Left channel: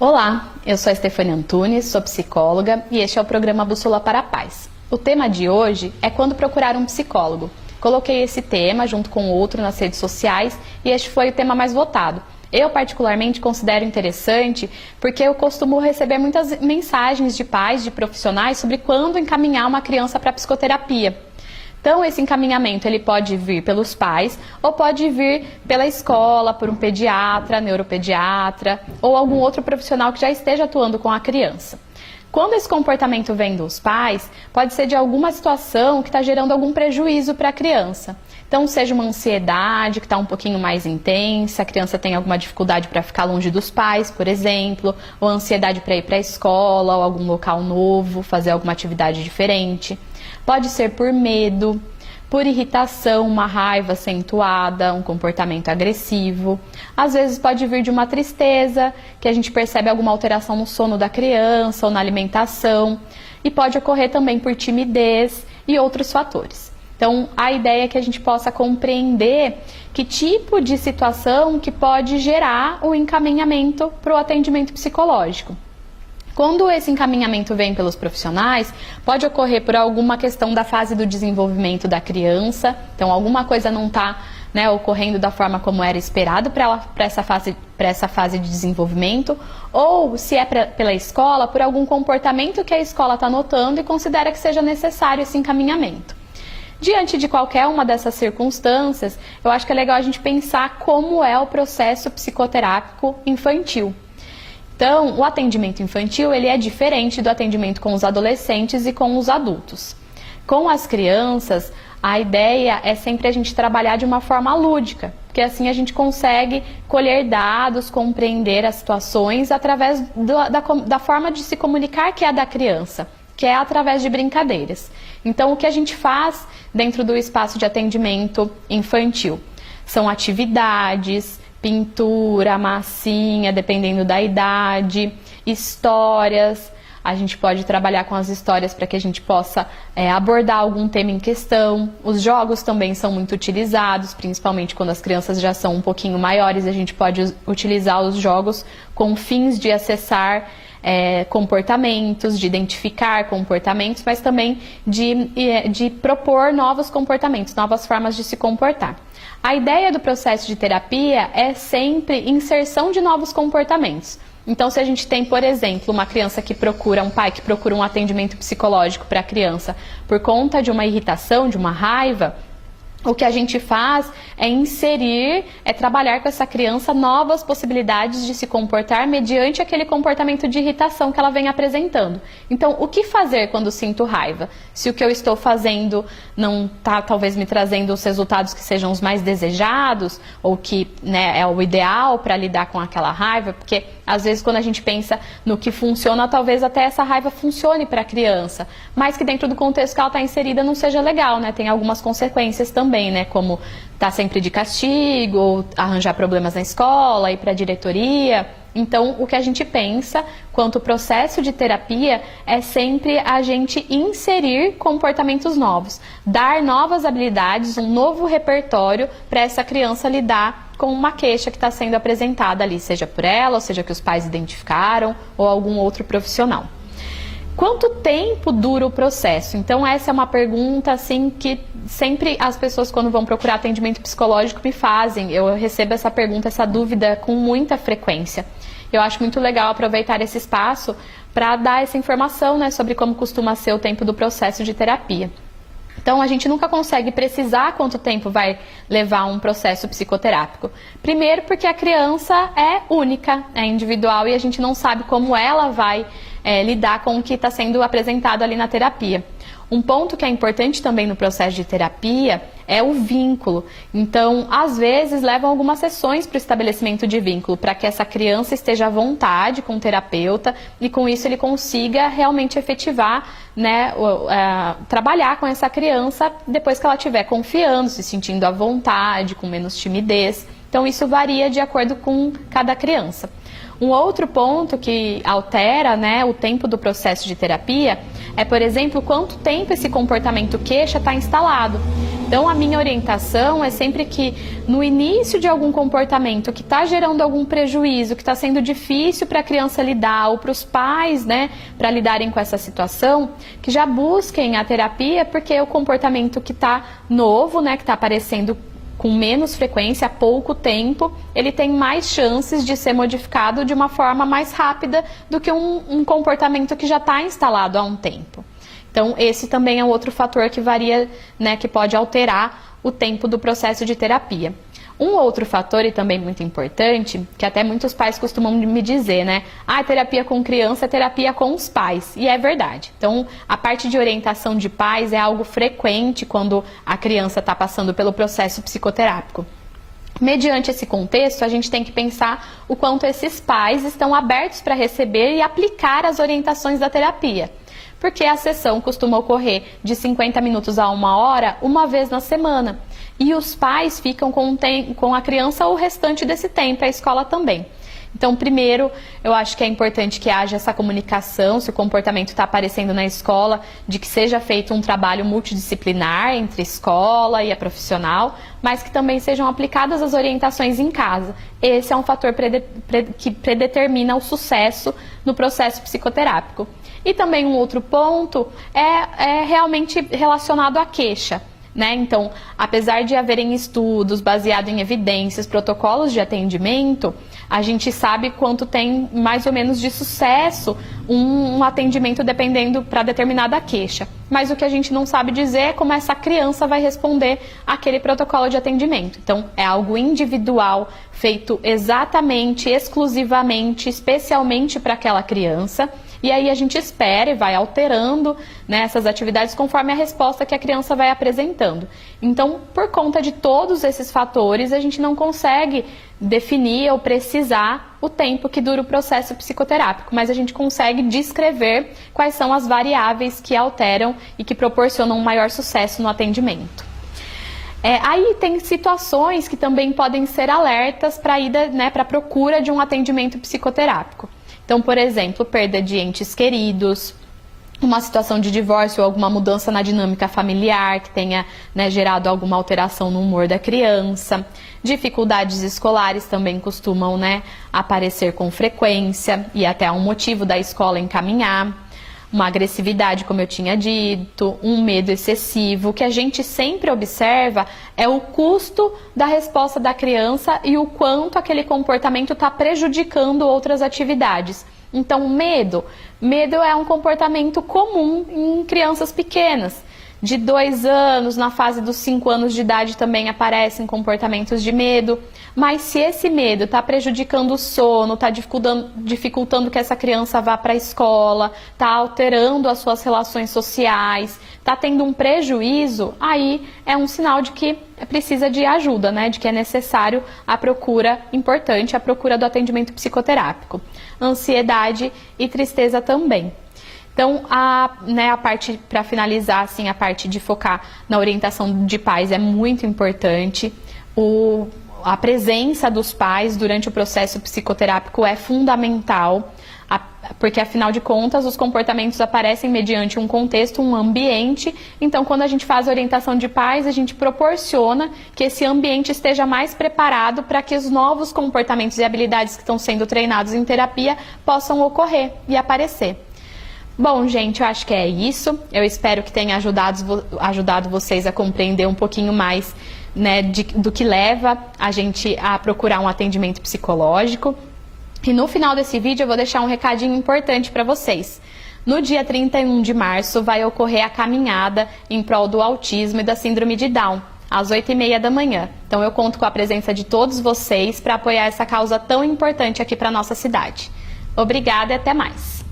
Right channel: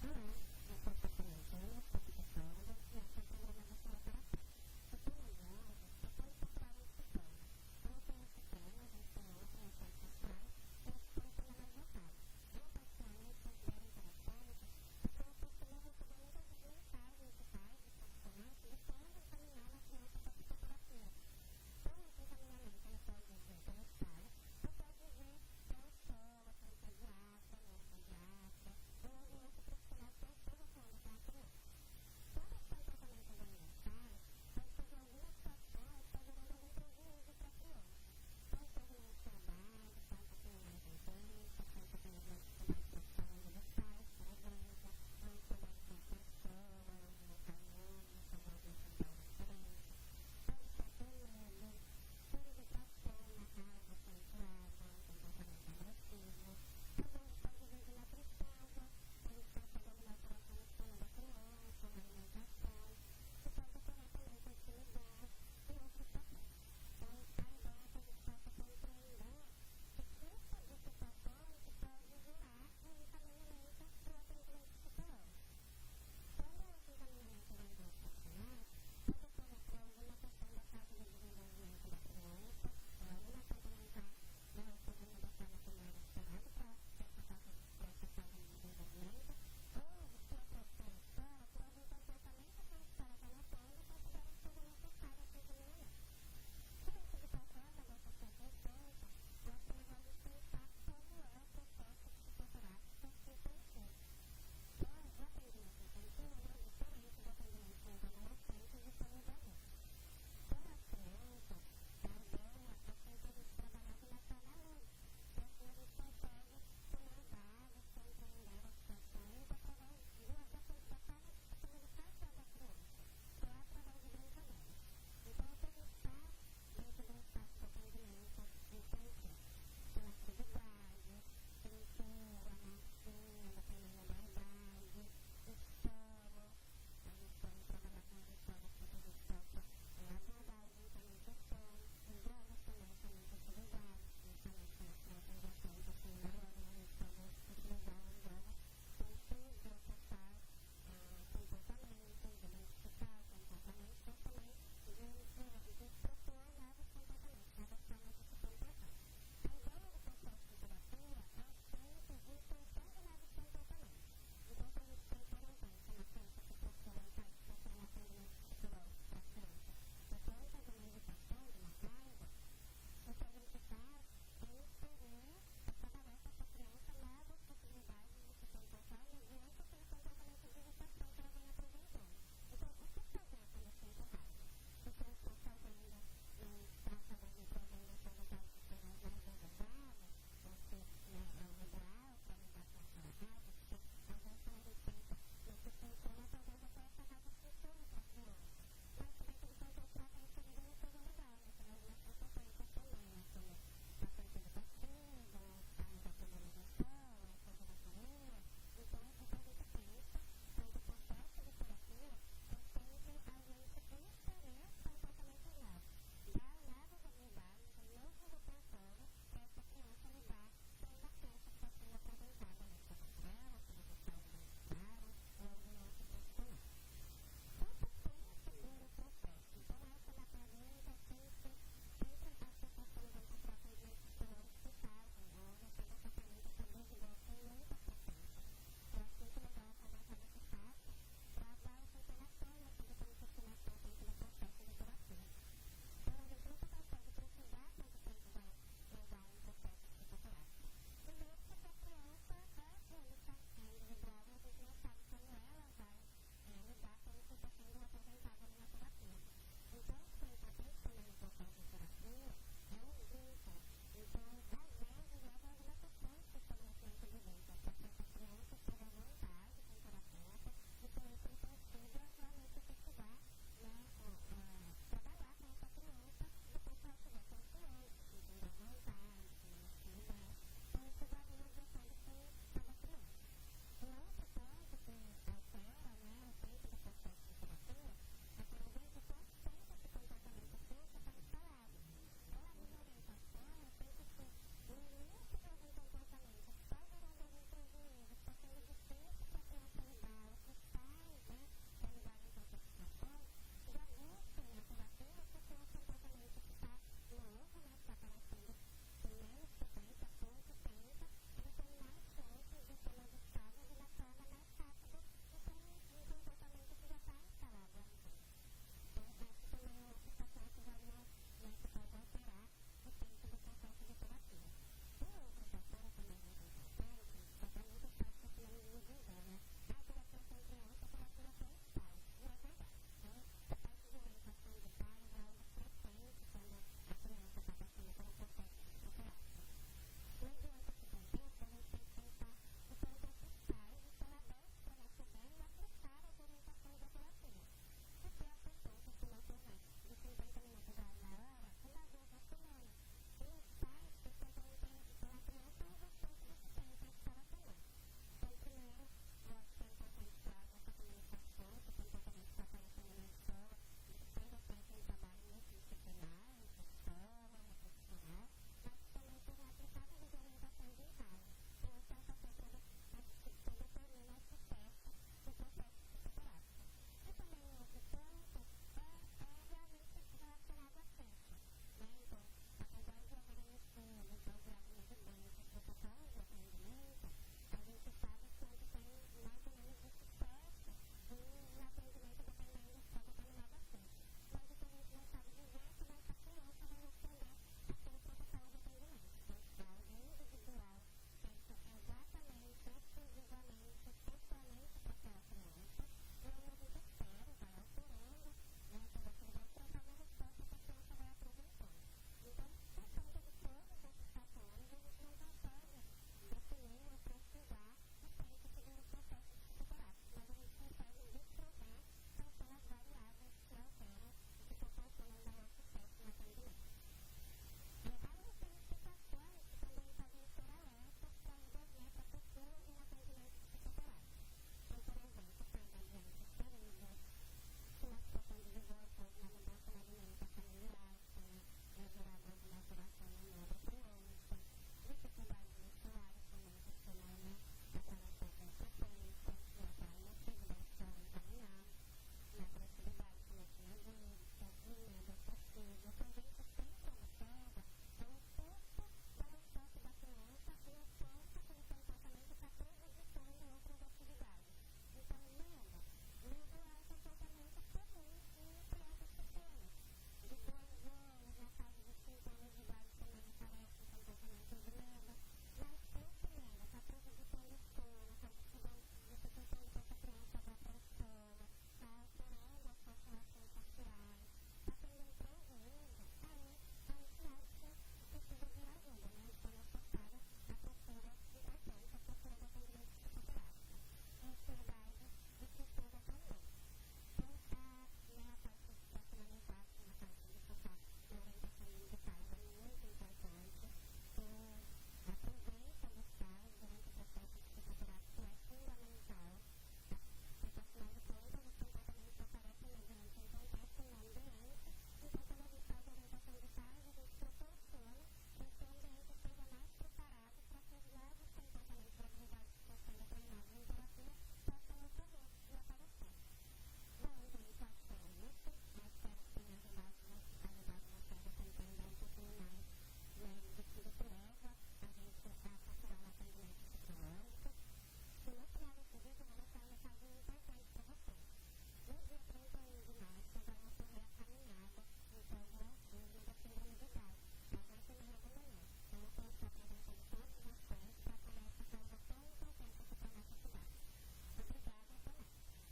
Olá, eu sou a Stefania Antunes, sou psicóloga e este é o programa Bússola para a Paz. O tema de hoje é quando procurar um psicólogo. Coloquei esse tema junto com outro nas redes sociais e este foi o tema mais votado. Eu particularmente considero interessante porque eu costumo receber muitas mensagens de pais, de profissionais sobre quando encaminhar uma criança para psicoterapia. Então, esse encaminhamento ele pode vir pelos pais ou pode vir pela escola, por um pediatra, neuropediatra ou algum outro profissional que já esteja atuando com a criança. Quando esse comportamento vem dos pais, pode ser de alguma situação que está gerando algum prejuízo para a criança. Então, seja uma ansiedade que está um pouquinho mais intensa, a criança tem alguma dificuldade para ficar longe dos pais, por exemplo, ou ansiedade para ir para a escola ou algum local novo, fazer alguma atividade diferente. Pode ser por medo, por irritação, uma raiva acentuada, um comportamento agressivo. Às vezes pode vir de uma tristeza, que a gente percebe alguma alteração no sono da criança ou na alimentação. E pode ocorrer também por timidez e outros fatores. Então, a ideia é que a gente possa compreender que tipo de situação que pode gerar o encaminhamento para o atendimento psicológico. Quando esse encaminhamento vem pelos profissionais, pode ocorrer por alguma questão da fase do desenvolvimento da criança, então alguma coisa não está ocorrendo da forma como era esperado para essa fase de desenvolvimento, ou se é pela escola, por algum comportamento que a escola está notando e considera que seja necessário esse encaminhamento. Diante de qualquer uma dessas circunstâncias, eu acho que é legal a gente pensar como é o processo psicoterápico infantil. Então, o atendimento infantil ele é diferente do atendimento com os adolescentes e com os adultos. Com as crianças, a ideia é sempre a gente trabalhar de uma forma lúdica, porque assim a gente consegue colher dados, compreender as situações através da forma de se comunicar que é a da criança, que é através de brincadeiras. Então, o que a gente faz dentro do espaço de atendimento infantil são atividades, pintura, massinha, dependendo da idade, histórias. A gente pode trabalhar com as histórias para que a gente possa abordar algum tema em questão. Os jogos também são muito utilizados, principalmente quando as crianças já são um pouquinho maiores. A gente pode utilizar os jogos com fins de acessar comportamentos, de identificar comportamentos, mas também de propor novos comportamentos, novas formas de se comportar. A ideia do processo de terapia é sempre inserção de novos comportamentos. Então, se a gente tem, por exemplo, uma criança que procura, um pai que procura um atendimento psicológico para a criança por conta de uma irritação, de uma raiva, o que a gente faz é inserir, trabalhar com essa criança novas possibilidades de se comportar mediante aquele comportamento de irritação que ela vem apresentando. Então, o que fazer quando sinto raiva? Se o que eu estou fazendo não está talvez me trazendo os resultados que sejam os mais desejados, ou que é o ideal para lidar com aquela raiva, porque às vezes quando a gente pensa no que funciona, talvez até essa raiva funcione para a criança, mas que dentro do contexto que ela está inserida não seja legal, tem algumas consequências também. Como estar sempre de castigo, ou arranjar problemas na escola, ir para a diretoria. Então, o que a gente pensa quanto ao processo de terapia é sempre a gente inserir comportamentos novos, dar novas habilidades, um novo repertório para essa criança lidar com uma queixa que está sendo apresentada ali, seja por ela, ou seja que os pais identificaram, ou algum outro profissional. Quanto tempo dura o processo? Então, essa é uma pergunta assim que sempre as pessoas quando vão procurar atendimento psicológico me fazem. Eu recebo essa pergunta, essa dúvida com muita frequência. Eu acho muito legal aproveitar esse espaço para dar essa informação, sobre como costuma ser o tempo do processo de terapia. Então, a gente nunca consegue precisar quanto tempo vai levar um processo psicoterápico. Primeiro, porque a criança é única, é individual e a gente não sabe como ela vai lidar com o que está sendo apresentado ali na terapia. Um ponto que é importante também no processo de terapia é o vínculo. Então, às vezes, levam algumas sessões para o estabelecimento de vínculo, para que essa criança esteja à vontade com o terapeuta e com isso ele consiga realmente efetivar, trabalhar com essa criança depois que ela estiver confiando, se sentindo à vontade, com menos timidez. Então, isso varia de acordo com cada criança. Um outro ponto que altera o tempo do processo de terapia é, por exemplo, quanto tempo esse comportamento queixa está instalado. Então, a minha orientação é sempre que no início de algum comportamento que está gerando algum prejuízo, que está sendo difícil para a criança lidar ou para os pais, né, para lidarem com essa situação, que já busquem a terapia, porque o comportamento que está novo, né, que está aparecendo com menos frequência, há pouco tempo, ele tem mais chances de ser modificado de uma forma mais rápida do que um comportamento que já está instalado há um tempo. Então, esse também é outro fator que varia, né, que pode alterar o tempo do processo de terapia. Um outro fator, e também muito importante, que até muitos pais costumam me dizer, né? Ah, terapia com criança é terapia com os pais. E é verdade. Então, a parte de orientação de pais é algo frequente quando a criança está passando pelo processo psicoterápico. Mediante esse contexto, a gente tem que pensar o quanto esses pais estão abertos para receber e aplicar as orientações da terapia. Porque a sessão costuma ocorrer de 50 minutos a 1 hora, uma vez na semana. E os pais ficam com a criança o restante desse tempo, a escola também. Então, primeiro, eu acho que é importante que haja essa comunicação, se o comportamento está aparecendo na escola, de que seja feito um trabalho multidisciplinar entre a escola e a profissional, mas que também sejam aplicadas as orientações em casa. Esse é um fator que predetermina o sucesso no processo psicoterápico. E também um outro ponto é realmente relacionado à queixa. Né? Então, apesar de haverem estudos baseados em evidências, protocolos de atendimento, a gente sabe quanto tem mais ou menos de sucesso um atendimento dependendo para determinada queixa. Mas o que a gente não sabe dizer é como essa criança vai responder àquele protocolo de atendimento. Então, é algo individual, feito exatamente, exclusivamente, especialmente para aquela criança. E aí a gente espera e vai alterando, né, essas atividades conforme a resposta que a criança vai apresentando. Então, por conta de todos esses fatores, a gente não consegue definir ou precisar o tempo que dura o processo psicoterápico, mas a gente consegue descrever quais são as variáveis que alteram e que proporcionam um maior sucesso no atendimento. Aí tem situações que também podem ser alertas para a ida, né, para a procura de um atendimento psicoterápico. Então, por exemplo, perda de entes queridos, uma situação de divórcio ou alguma mudança na dinâmica familiar que tenha, né, gerado alguma alteração no humor da criança. Dificuldades escolares também costumam, né, aparecer com frequência e até um motivo da escola encaminhar. Uma agressividade, como eu tinha dito, um medo excessivo. O que a gente sempre observa é o custo da resposta da criança e o quanto aquele comportamento está prejudicando outras atividades. Então, medo é um comportamento comum em crianças pequenas. De 2 anos, na fase dos 5 anos de idade também aparecem comportamentos de medo. Mas se esse medo está prejudicando o sono, está dificultando que essa criança vá para a escola, está alterando as suas relações sociais, está tendo um prejuízo, aí é um sinal de que precisa de ajuda, né? De que é necessário a procura importante, a procura do atendimento psicoterápico. Ansiedade e tristeza também. Então, a parte, para finalizar, assim, a parte de focar na orientação de pais é muito importante. A presença dos pais durante o processo psicoterápico é fundamental, porque, afinal de contas, os comportamentos aparecem mediante um contexto, um ambiente. Então, quando a gente faz a orientação de pais, a gente proporciona que esse ambiente esteja mais preparado para que os novos comportamentos e habilidades que estão sendo treinados em terapia possam ocorrer e aparecer. Bom, gente, eu acho que é isso. Eu espero que tenha ajudado vocês a compreender um pouquinho mais, né, do que leva a gente a procurar um atendimento psicológico. E no final desse vídeo eu vou deixar um recadinho importante para vocês. No dia 31 de março vai ocorrer a caminhada em prol do autismo e da síndrome de Down, às 8h30 da manhã. Então eu conto com a presença de todos vocês para apoiar essa causa tão importante aqui para a nossa cidade. Obrigada e até mais!